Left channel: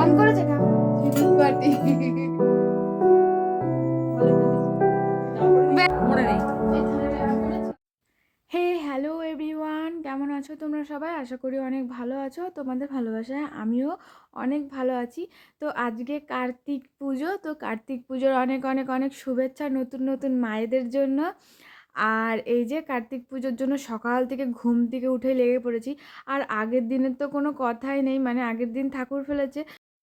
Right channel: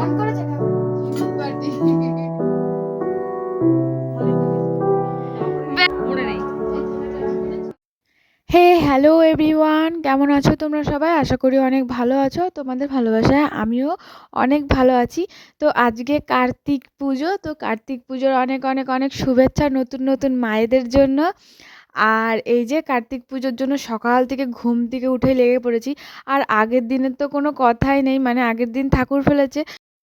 On করেছে হে hello everyone কেমন আছো তোমরা সবাই? আশা করি অনেক ভালো আছো। তোমাদের ভালোবাসায় আমিও অনেক ভালো আছি। তো আজকে কার্তিক পুজো। তো কার্তিক পুজোর অনেক অনেক অনেক শুভেচ্ছা নতুন নতুন মায়েদের জন্য। আর এই যে কার্তিক পুজোর জন্য সকাল থেকে ঘুম থেকে উঠে লেগে পড়েছি। আর আগের দিনের তো কোনো কথাই নেই মানে আগের দিন ঠাকুর ফেলেছে।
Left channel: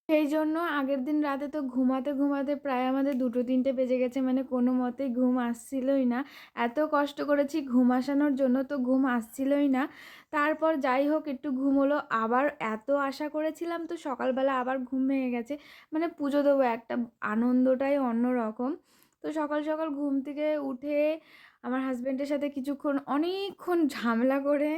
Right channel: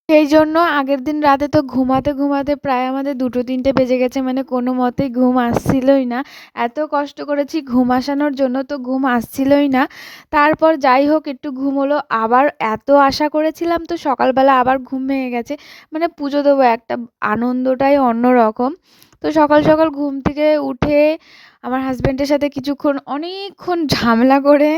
সেই জন্য আগের দিন রাতে তো ঘুমাতে ঘুমাতে প্রায় আমাদের দুটো তিনটে বেজে গেছে মানে কোনো মতেই ঘুম আসছিলই না। এত কষ্ট করেছি ঘুম আসানোর জন্য তো ঘুম আসছিলই না। তারপর যাই হোক, একটু ঘুম হলো। আবার এত আশা করেছিলাম তো সকালবেলা আবার ঘুম ভেঙে গেছে। মানে পুজো দেবো একটা আনন্দটাই অন্যরকম। তো সকাল সকাল ঘুম থেকে উঠে আমার হাজব্যান্ডের সাথে কিছুক্ষণ, অনেকক্ষণ ঝামেলা করে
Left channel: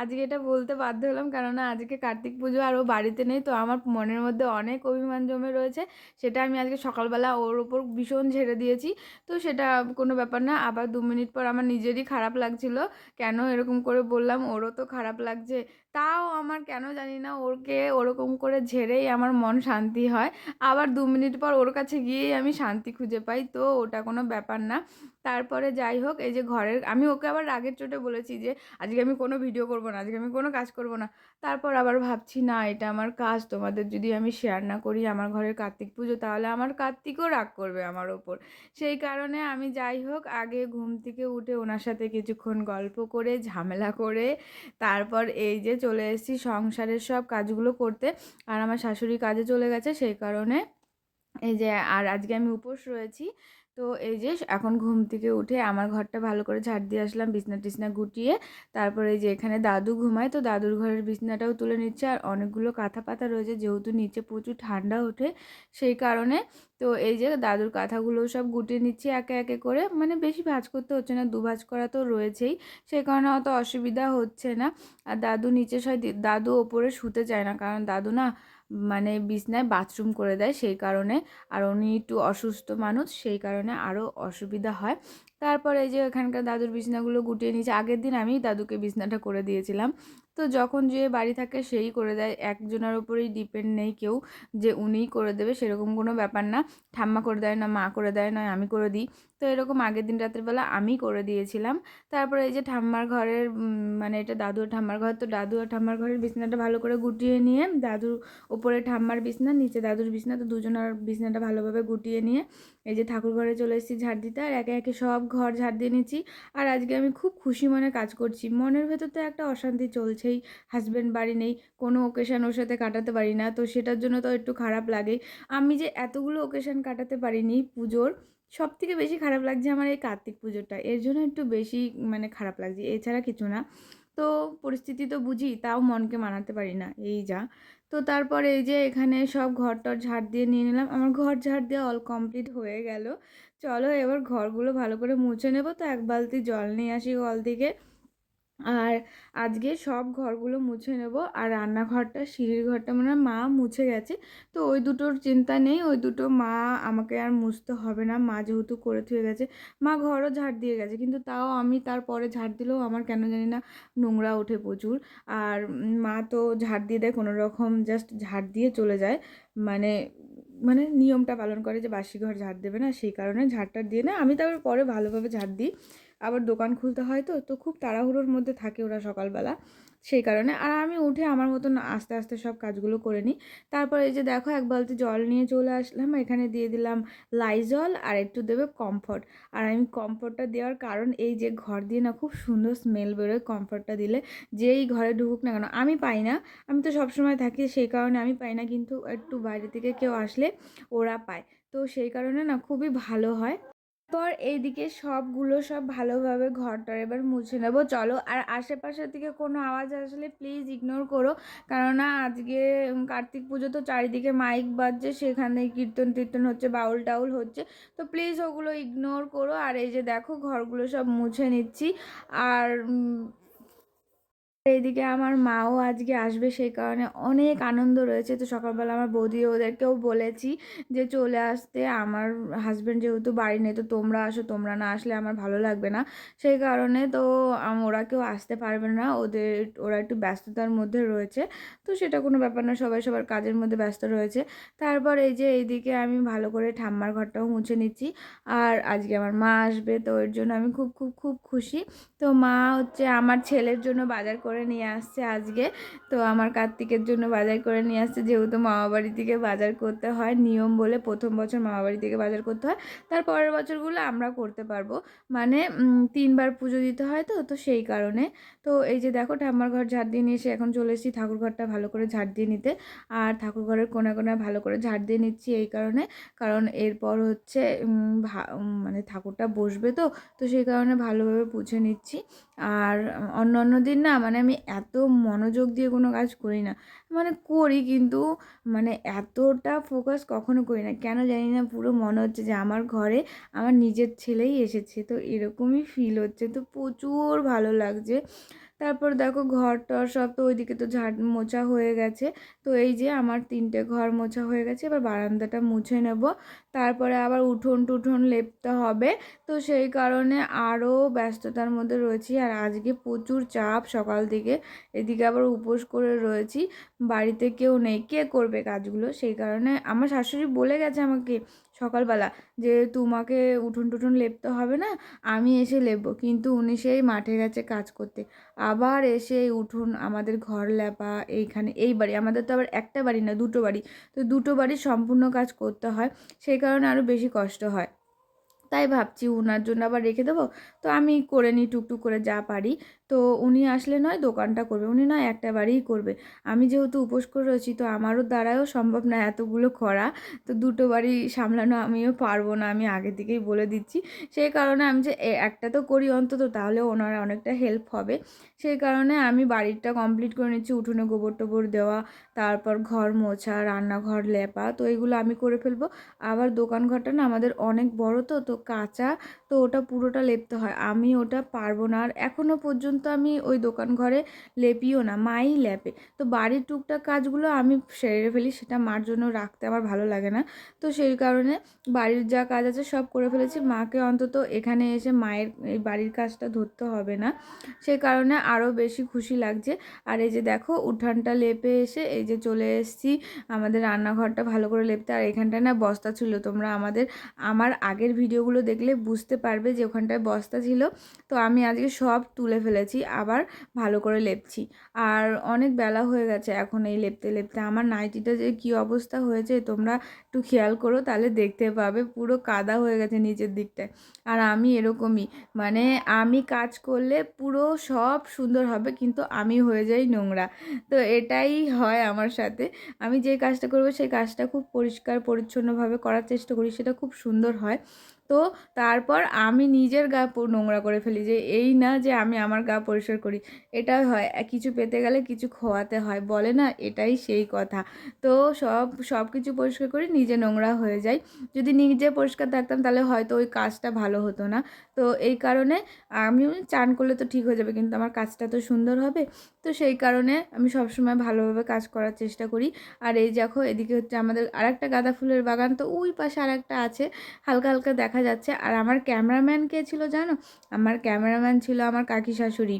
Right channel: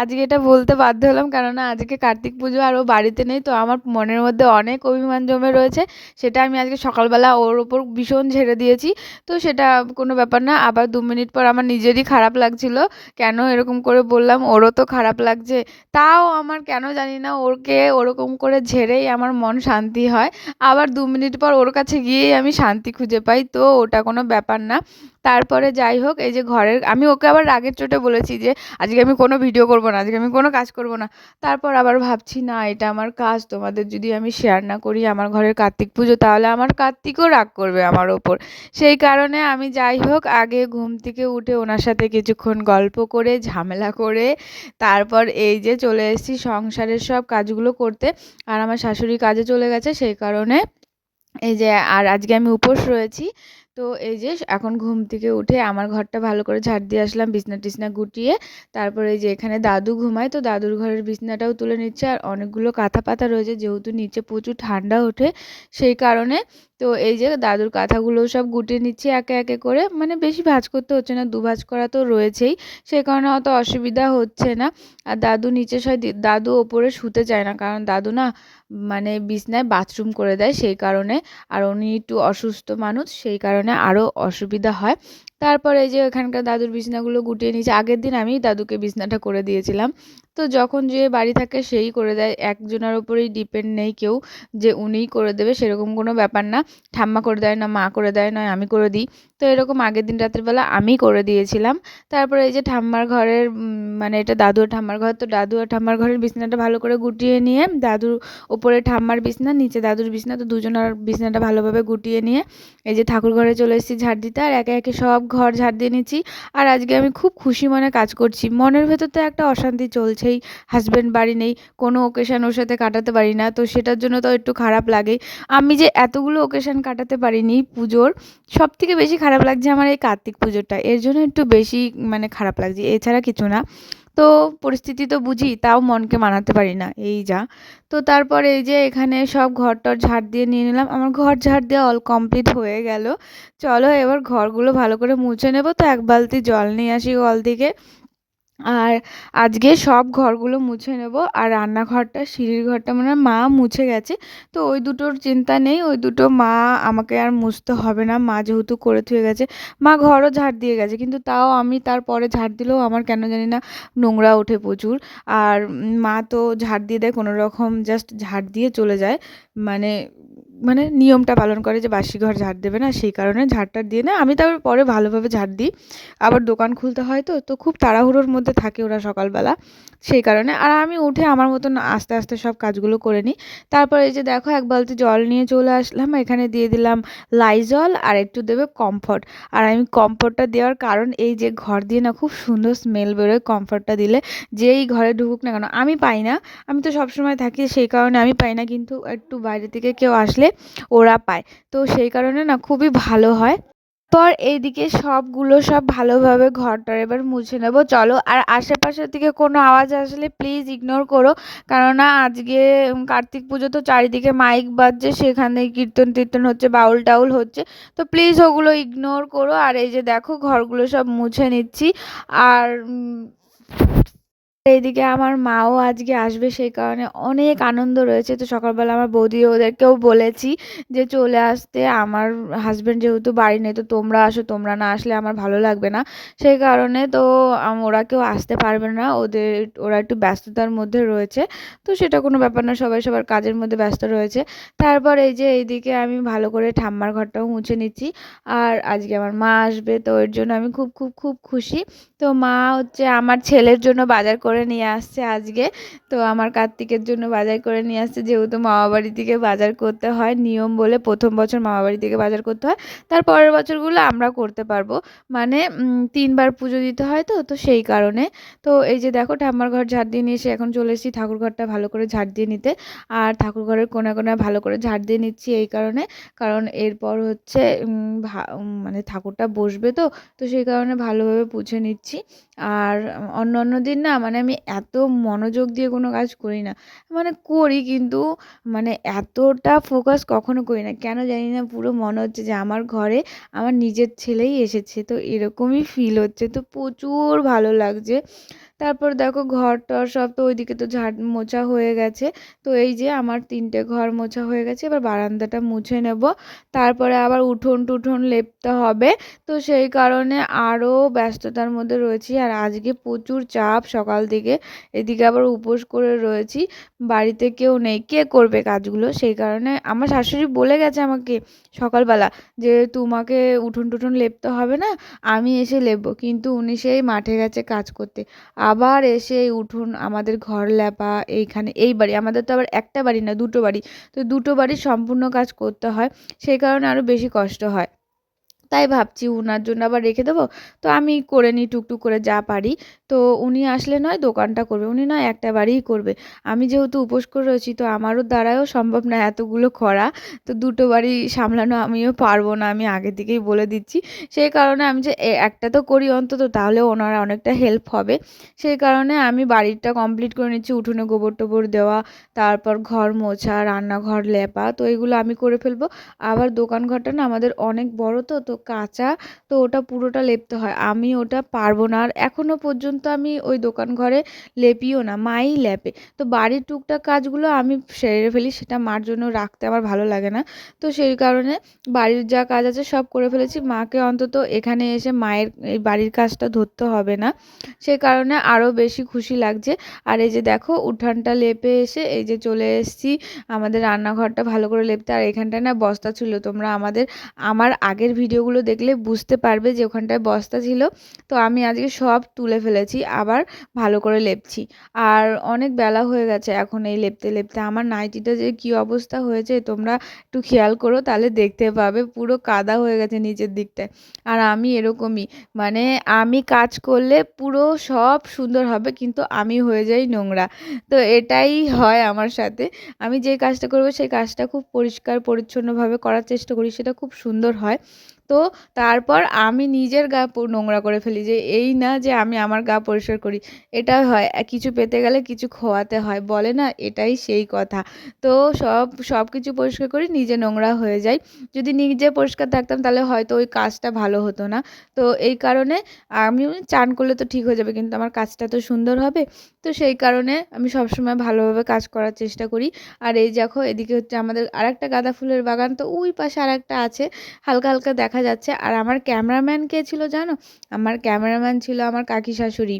আজকে এটা বলতে বাধ্য হলাম। কেননা আজকে কার্তিক পুজো আর ও বাড়িতে নেই, তো আমার মনের মধ্যে অনেক অভিমান জমে রয়েছে। সেটা আমি আজকে সকালবেলা ওর ওপর ভীষণ ঝেড়ে দিয়েছি। তো সেটা কোনো ব্যাপার না, আবার দু মিনিট পর আমার নিজেরই খারাপ লাগছিল। কেন এরকম করে বললাম, ওরও তো খারাপ লাগছে। তাও আমার কেন জানি না, ওরকে ওরকম করে ঝেড়েই আমার মন শান্তি হয়। আবার দু মিনিট পর ওর কাছে গিয়েই আমি শান্তি খুঁজে পাই, তো ওটা কোনো ব্যাপার না। তারপরে যাই হোক, এই যে ঘরের, আমি ওকে আবার রাগের চোটে বলেছি যে, আজকে আমি কোনো ভিডিও করব না, আজকে আমি কোনো কাজ করব না। তারপর আবার ভাবছি, না, এটা আমার কাজ, তোমাদের যদি আমি শেয়ার না করি আমার ঘরের কার্তিক পুজো, তাহলে আমার কার্তিকও রাগ করবে আমার ওপর। সেই কারণে আমি যাই হোক, আগে ঘুম থেকে উঠে ওনার সাথে কিছুক্ষণ গল্প করে, ঝামেলা করে, তারপর এই যে চলে এসেছি সংসারের সব কাজগুলো করতে। আর আমার শাশুড়ি কাজে চলে গেছে, সেই কারণে এই যে, আর আজকে আমি উপোস রয়েছি। তো এই যে, এখন ঘুম থেকে উঠে আমার ঘরটা ভালো করে ঝাড় দিয়ে আসলাম, বিছনা টিছনা গুটিয়ে। তারপরে এই যে, এখানে দাদু ঘুমায়, তো দাদুর ঘরের বিছনাটাও তুলে নিচ্ছে। আর অনেকগুলো কাঁথা পাতা রয়েছে, যেহেতু নিচে প্রচুর ঠান্ডা ওঠে সেই কারণে। তো এই যে, দাদুর কাঁথাগুলো সব গুটিয়ে নিচ্ছি একে একে করে। মানে বেশি ভাঁজ করতে হচ্ছে না, দু ভাঁজ করা তো রয়েছেই। সেই কারণে অত অসুবিধা হচ্ছে না। আর দাদু নিচে সয় দাদু ওপরে শুতে চায় না। কারণ দাদু না মানে বিছনায় বাথরুম করে দেয়, সেই কারণে। আর উনি একটু অসুস্থ মানুষ, সেই কারণে আরও অসুবিধা হয়। তারপরে এই যে এখানকার দাদুর বিছনাগুলো গুটিয়ে নিয়েছে, আগের দিন আমি দাদুকে বিছনাটা করে দিয়েছিলাম। তো যখন যে বাড়ি থাকে সেই করে দেয়, একজনের ওপরেই ডিপেন্ড নেই কেউ যে উনিই করে দেবে, সেরকম কোনো ব্যাপার না। ঠাম্মা করে দেয়, না মা করে দেয়, নয় আমি করে দিই। তো এরকম আগের দিন রাত্রিবেলা আমি করে দিয়েছিলাম। তারপরে এই যে ঠাম্মার ঘরের মানে এটা দাদু আর ঠাম্মার ঘর, তো দাদু আর ঠাম্মার ঘরের বিছনাটা ভালো করে গুটিয়ে নিয়ে দাদুর ওপরে ঠাম্মার বিছনা, নিচে দাদুর বিছনা, তো দুজনের বিছনাটা ভালোভাবে গুটিয়ে নিয়ে এই যে ঠাকুর ঘরে চলে এসেছি ঝাড় দিতে। আর একে একে সব ঘর ঝাড় দিয়ে নিয়েছি আর আজকে আমি খুব খুশি মনে কাজ করছি। মনের ভেতর তো একটা অশান্তি চলছেই। হাজব্যান্ড বাড়ি নেই, কোনো ওকেশান ওর সাথে কাটাতে পারি না, তো সেটার জন্য তো একটু খারাপ লাগে। আমি যে এতগুলো ওকেশান কাটাতে পারিনি পুজোর সব থেকে বেশি খারাপ লাগছে আমার এই কার্তিক পুজোটা। এর জন্য একটু বেশি মানে খারাপ লাগছে, এছাড়া কিছু না। তো পরিস্থিতি তো বুঝি, তাও মনকে মানাতে পারি না, এই যা। তো তারপরে এই যে এখানে সব ঘর টর ঝাড় দিয়ে নিয়ে নিলাম, আমার ঘর ঝাড় দেওয়া অল কমপ্লিট হয়ে গেল। চলো এবার ঘরগুলো ভালো করে মুছে নেব, তো এক বালতি জল নিয়ে আসি কল থেকে। আর আজকে সব ঘরগুলো মুছে নেব আর রান্নাঘরটা, সিঁড়ির ঘরটা মানে মা মুছে গেছে। তো ওই দুটোর চিন্তা নেই, ওই দুটো মা আমাকে আর মুছতে হবে না। মা যেহেতু করে থুয়ে গেছে, মা ঘরও ঝাড় দিয়ে গেছে, কিন্তু তাও আমি তারপরে ঝাড় দিলেও আমার কেন জানি না নোংরা ওঠে প্রচুর। আর মা তো ঝাড় দিয়ে দেয়, কোনো রকম জাস্ট ঝাড় দিয়ে চলে যায়। মানে মানে নিয়মটা পালন করে যে বাসি ঘর ঝাড় দেবে না, সেই কারণে ঝাড়টা দিয়ে না, আমি তারপর পরে ভালোভাবে ঝাড় দিই। আবার দোকান খুলতে হয় তো তো খুব তাড়াহুড়োর মধ্যে থাকে ওরা সকালবেলা, সেই কারণে। আর আমি উঠে আমার মতন আস্তে আস্তে সব কাজগুলো করে নিই। তারপর এই যে দেখো, এক বালতি জল নিয়ে চলে আসলাম, এখানে দিয়ে দিলাম লাইজল আর একটু দেবে কমফর্ট। আর আমি কমফর্টটা দেওয়ার কারণ এই যে ঘর দিয়ে না খুব সুন্দর স্মেল বেরোয় কমফর্টটা দিলে, যেই ঘরে ঢুকুক না কেন, আমি পাই না। আমি তো সবসময় থাকি, সেই কারণে আমি পাই না, কিন্তু একটু বাইরে থেকে কেউ আসলে ওরা পায়। তো সেই কারণে না খুবই ভালো হয়। পর এইদিকে সবগুলো সব ভালোভাবে ঘরটার এবার মুছে নেব। চলো, আর আশেপাশের থেকে কোনো আওয়াজ আসলে প্লিজ ইগনোর করো। কেননা আজকে কার্তিক পুজো তো চারিদিকে মাইক বাজছে, সেখানে কীর্তন টীর্তন হচ্ছে, বাউল টাউল হচ্ছে। তো প্লিজ ওগুলো ইগনোর করো। আর এই যে দেখো, ঘরগুলো সব মুছে নিচ্ছি। আর এইদিকে আমার মাও আজকে আসবে সেই কারণে অনেক আনন্দ রয়েছে। তো সকালবেলা আমার বৌদি ওদেরকেও বলেছি যে চলে আসতে। আমার হাজব্যান্ড যেহেতু বাড়ি নেই, তো তোমরা আসো, তোমরা না আসলে আমার ভালো লাগবে না। সেই কারণে তো ওরা কেউ আসতে পারবে না। ওদের, ওরা একটু ব্যস্ততার মধ্যে রয়েছে। তো সেটা কোনো ব্যাপার না, সবাই সবার কাজের মধ্যে ব্যস্ত রয়েছে। তারপর এই যে এইদিকে আমি ভালো করে ঠাম্মার ঘরটাও মুছে নিচ্ছি। আর আজকে আমার মা আসবে, তো এর জন্য আমি খুব খুব খুব খুশি। তো মা হচ্ছে আমার ছেলের জন্য বাজার করে নিয়ে আসছে আজকে। তো আমার কার্তিকের জন্য বাজার করে নিয়ে আসছে। যেহেতু মামা বাড়ি থেকে বাজার করতে হয়, নিয়ম বলে প্রথম বছর মামা বাড়ি থেকে বাজার করতে হয়, তার পরের বছরগুলো আমরা করতে পারব। মানে তিনবার পুজো দিতে হয় তো তো সেই কারণে। তো এই যে দেখো, ঠাম্মার ঘর ঝাড় দিয়ে নিয়ে এসে এখন চলে এসেছি ঠাকুর ঘরটা ভালো করে ঝাড় দিয়ে নিতে। আর ঠাকুর ঘরের কোনা কোনা ভালো করে ঝাড় দিয়ে নিচ্ছি এই কারণে। কারণ এরপর হচ্ছে মানে ঠাকুরটা বসবে তো তো সেই কারণে ভালোভাবে পুছে নিচ্ছি। আর অন্য অন্য দিন না মানে আমি এত মনোযোগ দিয়ে কোনো কাজ করি না। মানে করি কিন্তু মানে এতটা ফোকাস কখনো করি না। কেন জানি না, পুরো মনে হচ্ছে যে আমার ঘরে আমার নিজের ছেলেই এসেছে। তো এরকমই ফিল হচ্ছে। তো প্রচুর ভালো লাগছে। তারপর দেখো ঘর টর সব তো ওইদিকে তো ঝাড় মোছা হয়ে গেছে। তো এই যে আমার তিনটে ঘর মোছা হয়ে গেছে, এবার বারান্দাটা মুছে নেব। তারপরে আবার উঠোন টুঠোন লেপতে হবে। তো সেই কারণে আরও ব্যস্ততার মধ্যে রয়েছি। আর আজকে প্রচুর চাপ সকাল থেকে এদিকে আবার উপোস করে রয়েছি। বাড়িতে কেউ নেই। কে করবে কাজগুলো? সেই কারণে আমার শাশুড়ি বলে গেছে আমাকে সকালবেলা যে তোমাকে উঠোন টুঠোন লেপতে হবে না, আমি এসে লেপবো। কিন্তু উনি সেই মাঠে গেছে কাজ করতে। আবার এসে উঠোন আমাদের ঘর লেপা, এইখানে, এই বাড়ি, আমাদের তো আবার একটা বাড়ি না, দুটো বাড়ি। তো দুটো বাড়ির সম্পূর্ণ কাজ করতে হয়, সেই কারণে আরও বেশি কষ্ট হয়। তাই ভাবছি উনার জন্য আবার রেখে দেবো। তো আমি করে নিই, টুকটুক করে যা পারি। তো উনি আসলে নয় দোকানটা করবে, উনি নয় একটা বাড়িই করবে। আমি যেহেতু উপোস করে রয়েছি, তো আমারও দ্বারাও সম্ভব না এতগুলো করা তো দুটো বাড়ি সামলানো আমিও পারব না, আমি আগে থেকেই বলে দিচ্ছি। সেই কারণে আমি যে একটা তো করি অন্তত, তাহলে ওনার অনেকটা হেল্প হবে। সেই কারণে আমি বাড়িটা কমপ্লিট করে নিচ্ছি, উঠোনে গোবর টোবর দেওয়া, তারপর ঘর মোছা, রান্নাঘর লেপা, তো এগুলো আমি করে ফেলব। আবার দোকান ঘরটা না আমাদের অনেক বড় তো তো কাঁচা, তো ওটা পুরোটা লেপতে হয়। আমি ওটা পারব না, আর এখনও পর্যন্ত আমি ওই দোকান ঘরে লেপিও না, মাই লেপে। তো বাড়ির টুকটাক কাজগুলো আমি সেরে ফেলি, সেটা মার জন্য রাখতে আমার ভালো লাগে না। তো সেই কারণে বাড়ির যা কাজ আছে সব করে ফেলেছি। মাকে অন্তত এখানে এসে মায়ের এই বাড়ির কাজটা ধরতে হবে না। সেই কারণে আরও বেশি খুশি লাগছে। আর এই যে দেখো, উঠানটা লেপে এসে এই যে চলে এসেছি। আমাদের রান্নাঘরটা ভালো করে লেপতে, আর এখানটায় না বস্তা ছিল। তোমরা আমাদের, আমার আগের ভিডিওগুলো দেখলে বুঝতে পারবে যে ওখানটায় বস্তা ছিল। তো আমি আজকে সব তুলে ফেলেছি। আবার ভালো করে লেপছি। আর অনেক বেলা হয়ে গেছে এখন এই লেপতে লেপতে। আমার নাইটিটা যে কী অবস্থা হয়েছে তোমরা একটু খেয়াল করো, তাহলে দেখতে পাবে। পুরো কাদা হয়ে গেছে নিচের দিকটায়। আর আমি এরকমই মানে আমি কাজ করলে পুরো সব সুন্দর হবে, কিন্তু আমি হয়ে যাই নোংরা। তো এটাই হয় আমার সাথে। আমি যে কাজটা করব, সেই কাজটা খুব পরিষ্কার, পরিচ্ছন্নভাবে করার চেষ্টা করি, সেটা খুব সুন্দর হয়। তো তারপর আমি নিজের গা নোংরা করে ফেলি যে, এই না যে আমি আমার গা পরিষ্কার করি। এটা হয় কিছু পেতে গেলে কিছু খোয়াতে হয়, বলে না এটাই সেই কথা। তো সব সব কিছু পরিষ্কার করি, নিজে নোংরা হয়ে যায় যদি নিজে পরিষ্কার থাকতাম তাহলে হয়তো ওই কাজটা ভালো হতো না। তো এই কারণে আমি চান করলে তো ঠিক হয়ে যাবে, কিন্তু আমার কাজটা তো সুন্দর হবে। তো সেই কারণে আমি সবসময় ভালোভাবে কাজ করার চেষ্টা করি। আর এই দেখো, এদিকে হচ্ছে আমাদের আর একটা গাঁদা ফুলের বাগান, তো ওই পাশে আর একটা আছে। হালকা হালকা দেখা যাচ্ছে। আর আমার ক্যামেরাম্যান কে ছিল জানো? আমার ক্যামেরাম্যান ছিল আমার কাকি শাশুড়ি।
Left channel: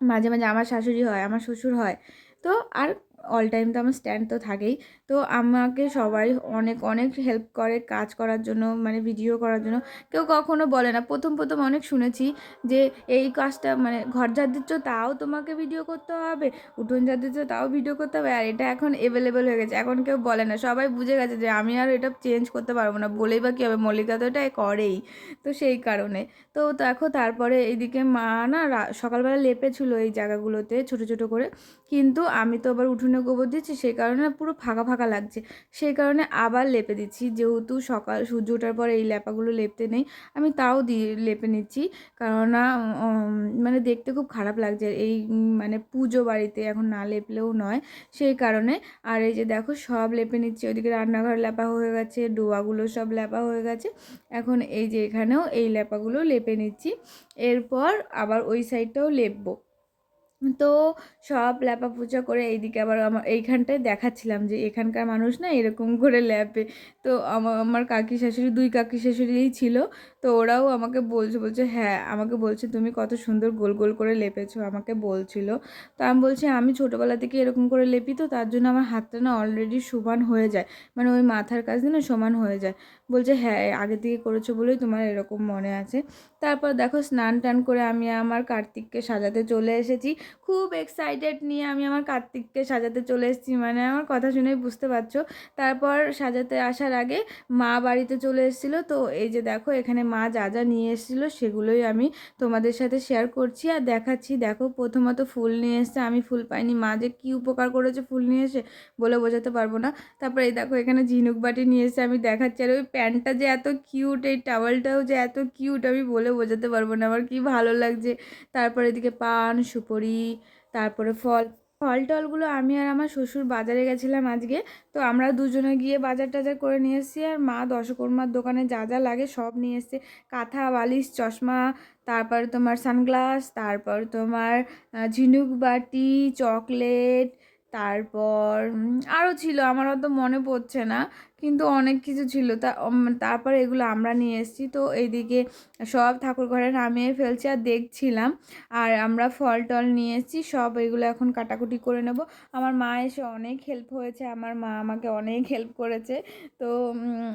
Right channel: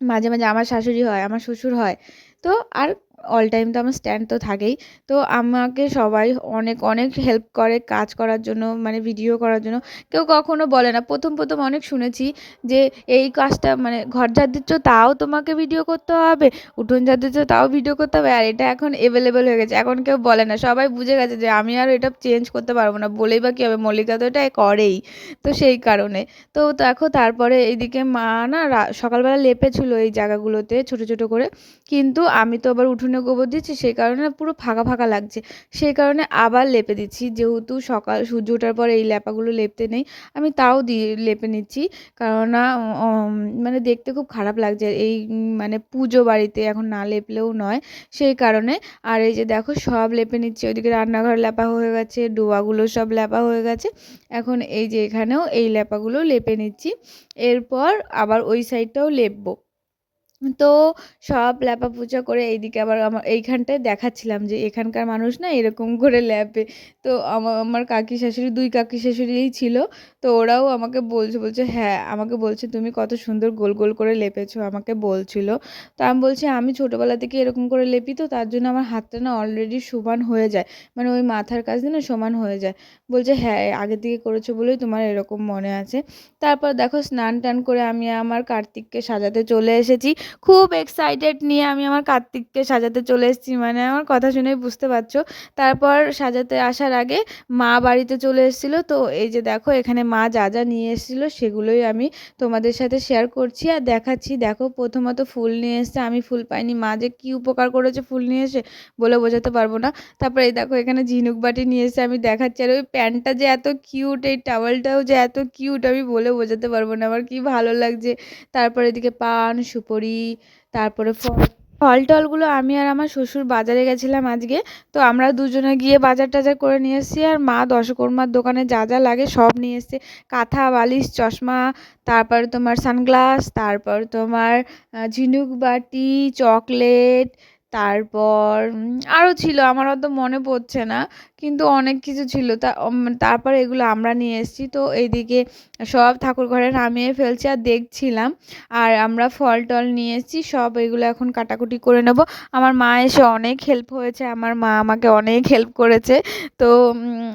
মাঝে মাঝে আমার শাশুড়ি হয়, আমার শ্বশুর হয়। তো আর অল টাইম তো আমার স্ট্যান্ড তো থাকেই। তো আমাকে সবাই অনেক অনেক হেল্প করে কাজ করার জন্য মানে ভিডিও করার জন্য। কেউ কখনো বলে না, প্রথম প্রথম অনেক শুনেছি যে, এই কাজটা মানে ঘর ঝাড় দিচ্ছ তাও তোমাকে ভিডিও করতে হবে, উঠোন ঝাড় দিচ্ছ তাও ভিডিও করতে হবে, আর এটা এখন এভেলেবেল হয়ে গেছে। এখন কেউ বলে না, সবাই বুঝে গেছে যে, আমি আর এটা চেঞ্জ করতে পারব না। বলেই বা কী হবে? মল্লিকা তো এটা করেই, তো সেই কারণে। তো দেখো, তারপরে এইদিকে মা না সকালবেলা লেপেছিল এই জায়গাগুলোতে ছোট ছোট করে। কিন্তু আমি তো আবার উঠোনে গোবর দিচ্ছি, সেই কারণে পুরো ফাঁকা ফাঁকা লাগছে। সেই কারণে আবার লেপে দিচ্ছি, যেহেতু সকাল, সূর্য ওঠার পর এই লেপাগুলো লেপতে নেই, আমি তাও দিয়ে লেপে নিচ্ছি। কেননা মানে দেখতে খুব খারাপ লাগছে, এই মানে পুজো বাড়িতে এখন না লেপলেও নয়। সেই কারণে, আর এই যে দেখো সব লেপে নিচ্ছি, ওইদিকে রান্নাঘর লেপা হয়ে গেছে, ডোয়াগুলো সব লেপা হয়ে গেছে। এখন এই যে এখানেও এই লেপাগুলো লেপে নিচ্ছি। এরপর আবার ওই সাইডটাও লেপবো। তো সব ল্যাপা পূজা করে এইদিকে আবার আমার এইখানটায় দেখাচ্ছিলাম যে এখানকার মানুষ না এরকম করে ল্যাপে। তো আমার কাকি শাশুড়ি, দুই কাকি শাশুড়িই ছিল। তো ওরাও আমাকে বলছে বলছে হ্যাঁ আমাকে বলছে তুমি কত সুন্দর গোল গোল করে লেপেছো আমাকে বলছিল। তো আমি বলছি, আমি ছোটোবেলা থেকে এরকম করে লেপি তো, তার জন্য আমার হাতটা না অলরেডি সমান হয়ে যায় মানে ওই মাথার কাজ না সমান হয়ে যায়। বলছে হ্যাঁ আগে থেকে করেছ বলেই তোমার এরকম মনে আছে। তারপর দেখো স্নান টান করে আমি আমার কার্তিককে সাজাতে চলে এসেছি। খুব এক্সাইটেড নিয়ে আমি আমার কার্তিককে সাজাতে চলে এসেছি মানে আমার কথা শুনেই বুঝতে পারছ। তারপর সাজাতে আসার আগে মা বাড়িতে চলে এসেছিল। তো এই যে দেখো, এখানে মা যা যা নিয়ে এসেছিল সেগুলোই আমি তোমাদের সাথে শেয়ার করছি আর দেখাচ্ছি। দেখো প্রথমত ফুল নিয়ে এসছে, আমি ফুল পাইনি। মা যে কী উপকার করেছে ফুল নিয়ে এসে বলে বোঝাতে পারব না। তারপরে এই দেখো এখানে ঝিনুক বাটি নিয়ে এসে আমি দেখাচ্ছি। আর ওই প্যান্টটা যে এত কিউট এই টাওয়েলটাও যে এত কিউট আমি বলে বোঝাতে পারব না। আমার কি ভালো লাগছে। তারপরে এদিকে পান, সুপরি, তারপরে ফল ফল টলগুলো আমি আর আমার শ্বশুর বাজারে গেছিলাম আজকে। তো আমরা দুজনে গিয়ে বাজার টাজার করে নিয়ে এসেছি আর মা দশকর্মার দোকানে যা যা লাগে সব নিয়ে এসছে। কাঁথা, বালিশ, চশমা, তারপর তোমার সানগ্লাস, তারপর তোমার ঝিনুক বাটি, চকলেট, তারপর আরও ছিল। আমার অত মনে পড়ছে না। কিন্তু অনেক কিছু ছিল। তা তারপর এগুলো আমরা নিয়ে এসেছি। তো এইদিকে সব ঠাকুর ঘরে নামিয়ে ফেলছি আর দেখছিলাম। আর আমরা ফল টল নিয়ে এসেছি। সব এগুলো এখন কাটাকুটি করে নেব। আমার মা এসে অনেক হেল্প হয়েছে। আমার মা আমাকে অনেক হেল্প করেছে। তো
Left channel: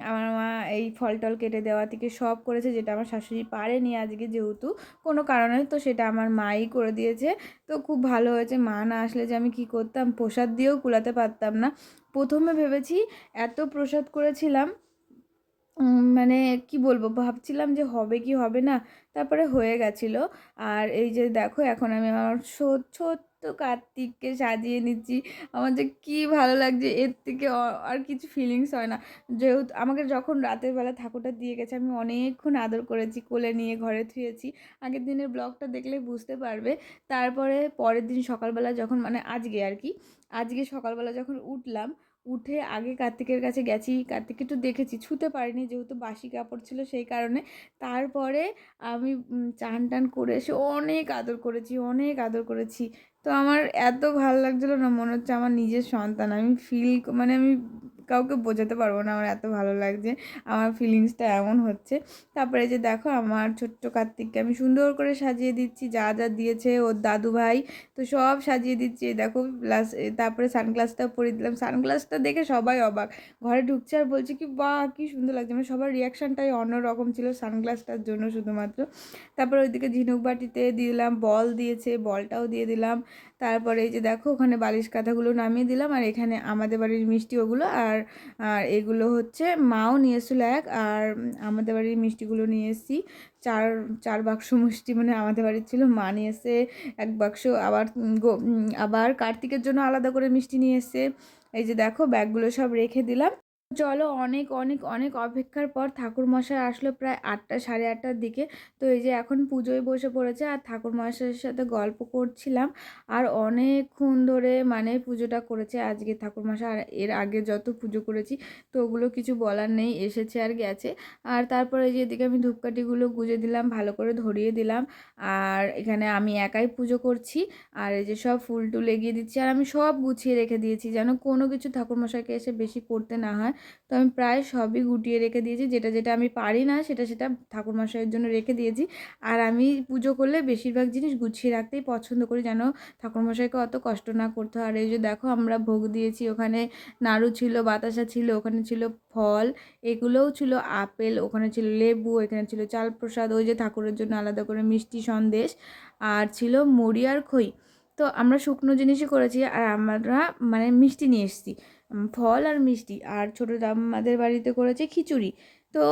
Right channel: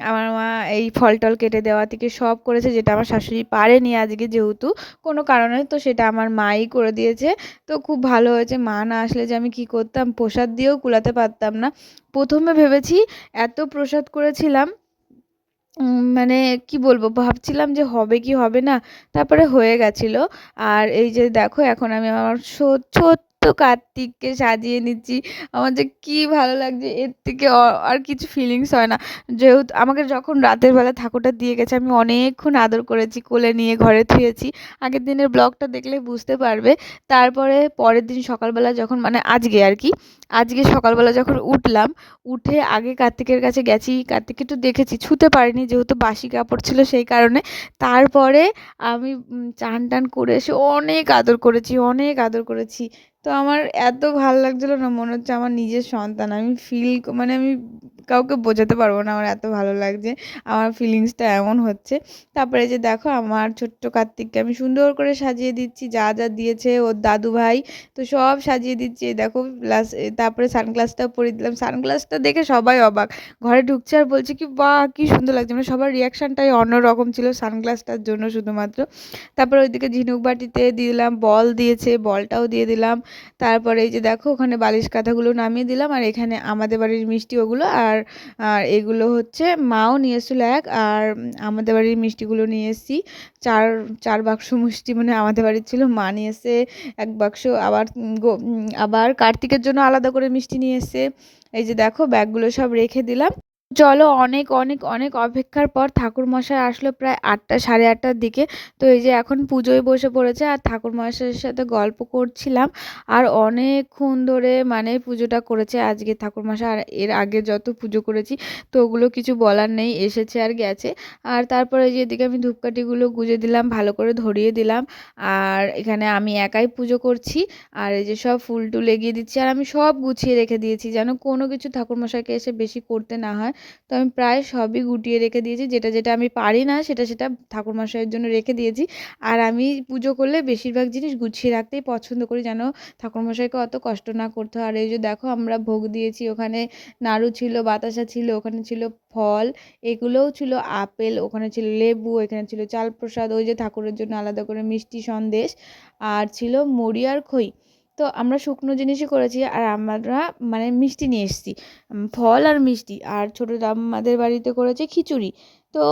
আমার মা এই ফল টল কেটে দেওয়া থেকে সব করেছে, যেটা আমার শাশুড়ি পারেনি আজকে যেহেতু। কোনো কারণে তো সেটা আমার মাই করে দিয়েছে। তো খুব ভালো হয়েছে। মা না আসলে যে আমি কি করতাম, প্রসাদ দিয়েও কুলাতে পারতাম না। প্রথমে ভেবেছি এত প্রসাদ করেছিলাম। মানে কি বলব, ভাবছিলাম যে হবে কি হবে না, তারপরে হয়ে গেছিল। আর এই যে দেখো, এখন আমি আমার ছোট কার্তিককে সাজিয়ে নিচ্ছি। আমার যে কি ভালো লাগছে, এর থেকে আর কিছু ফিলিংস হয় না। যেহেতু আমাকে যখন রাতের বেলা ঠাকুরটা দিয়ে গেছে, আমি অনেকক্ষণ আদর করেছি, কোলে নিয়ে ঘরে থুয়েছি। আগের দিনের ব্লগটা দেখলে বুঝতে পারবে। তারপরে পরের দিন সকালবেলা যখন মানে আজকে আর কি, আজকে সকালবেলা যখন উঠলাম, উঠে আগে কার্তিকের কাছে গেছি। কার্তিককে একটু দেখেছি, ছুতে পারিনি যেহেতু বাসি কাপড় ছিল সেই কারণে। তারপরে আমি চান টান করে এসে অনেক আদর করেছি, অনেক আদর করেছি। তো আমার এত ভালো লাগছিল না, মনে হচ্ছে আমার নিজের সন্তান। আমি ফিল মানে আমি কাউকে বোঝাতে পারব না, আমার এত ভালো লাগছে, আমার ফিলিংসটা এমন হচ্ছে। তারপরে যে দেখো, আমার ছোট্ট কার্তিককে আমি সুন্দর করে সাজিয়ে দিচ্ছি, যা যা দিয়েছে ওর দাদু ভাই তো সব সাজিয়ে দিচ্ছি দেখো প্লাস তারপরে সানগ্লাসটাও পরিয়ে দিলাম। সানগ্লাসটা দেখে সবাই অবাক, ঘরে ঢুকছে আর বলছে কি, বাহ, কি সুন্দর লাগছে। মানে সবার রিয়াকশানটাই অন্যরকম ছিল সানগ্লাসটার জন্য শুধুমাত্র। তারপরে ওইদিকে ঝিনুক বাটিতে দিলাম, বল দিয়েছে, বলটাও দিয়ে দিলাম। তারপরে এই যে দেখো, ওখানে বালিশ কাঁথাগুলো নামিয়ে দিলাম, আর এখানে আমাদের বাড়ির মিষ্টি ওগুলো, আর আর এগুলো হচ্ছে মাও নিয়ে এসেছিল এক আর আমাদের বাড়ির মিষ্টিগুলো নিয়ে এসেছি। চার চার বাক্স মিষ্টি মানে আমাদের বাড়ির ছিল, মা নিয়ে এসে এক বাক্স আবার আবার কার্তিকের জন্য আলাদা করে মিষ্টি নিয়ে এসে এই যে দেখো, ব্যাগগুলো সব রেখে দিলাম। চলো অনেক অনেক অনেক অপেক্ষার পর ঠাকুরমশাই আসলো প্রায় আটটা, সাড়ে আটটার দিকে। তো এই যে এখন পুজোয় বসে পড়েছে আর ঠাকুরমশাইয়ের সাথে গল্প করছিলাম। আর অনেকক্ষণ ধরে মানে পুজোটা করেছে আজকে ঠাকুরমশাই। আর এর আগে যত পুজো করেছি, তো ওগুলো কিছু বলার নেই, এসেছে আর গেছে। আর তারপরে যে এদিকে আমি ধূপকাঠিগুলো গুজে দিলাম, ভালো করে ধরিয়ে দিলাম। আর এখানে আমি একাই পুজো করছি। আর এই যে সব ফুল টুল এগিয়ে দিচ্ছি। আর আমি সব গুছিয়ে রেখে দিয়েছি যেন কোনো কিছু ঠাকুরমশাইকে এসে বেশি করতে না হয়। তো আমি প্রায় সবই গুটিয়ে রেখে দিয়েছি। যেটা যেটা আমি পারি না, সেটা সেটা ঠাকুরমশাইয়ের জন্য রেখে দিয়েছি। আর আমি পুজো করলে বেশিরভাগ জিনিস গুছিয়ে রাখতেই পছন্দ করি যেন ঠাকুরমশাইকে অত কষ্ট না করতে হয়। আর এই যে দেখো, আমরা ভোগ দিয়েছি, ওখানে নাড়ু ছিল, বাতাসা ছিল, ওখানে ছিল ফল, এগুলোও ছিল আপেল, ওখানে ছিল লেবু, এখানে ছিল চাল প্রসাদ ওই যে ঠাকুরের জন্য আলাদা করে মিষ্টি সন্দেশ, আর ছিল মুড়ি আর খই। তো আমরা শুকনো জিনিসই করেছি আর আমরা মানে মিষ্টি নিয়ে এসেছি ফল আর মিষ্টি। আর ছোটো আমাদের বাড়িতে করেছে খিচুড়ি। তো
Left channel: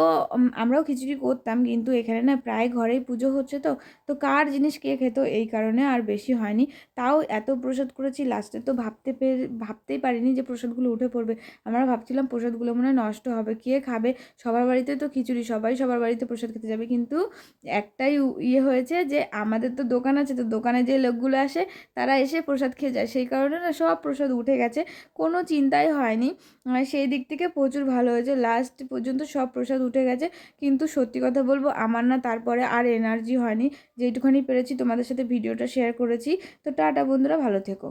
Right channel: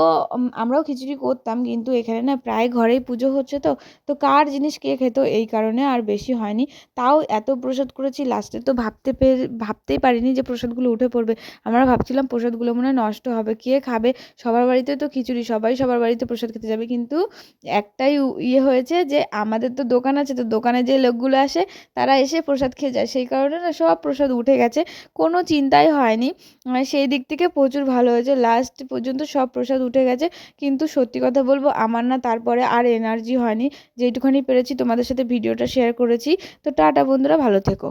আমরাও খিচুড়ি করতাম কিন্তু এখানে না প্রায় ঘরেই পুজো হচ্ছে তো। তো কার জিনিস কে খেত এই কারণে আর বেশি হয়নি। তাও এত প্রসাদ করেছি লাস্টে তো ভাবতে পেরে, ভাবতেই পারিনি যে প্রসাদগুলো উঠে পড়বে। আমরা ভাবছিলাম প্রসাদগুলো মনে নষ্ট হবে। কে খাবে? সবার বাড়িতে তো খিচুড়ি, সবাই সবার বাড়িতে প্রসাদ খেতে যাবে। কিন্তু একটাই ইয়ে হয়েছে যে আমাদের তো দোকান আছে তো দোকানে যে লোকগুলো আসে তারা এসে প্রসাদ খেয়ে যায়। সেই কারণে না সব প্রসাদ উঠে গেছে। কোনো চিন্তাই হয়নি। সেই দিক থেকে প্রচুর ভালো হয়েছে। লাস্ট পর্যন্ত সব প্রসাদ প্রসাদ উঠে গেছে। কিন্তু সত্যি কথা বলব, আমার না তারপরে আর এনার্জি হয়নি। যেটুখানি পেরেছি, তোমাদের সাথে ভিডিওটা শেয়ার করেছি। তো টাটা বন্ধুরা, ভালো থেকো।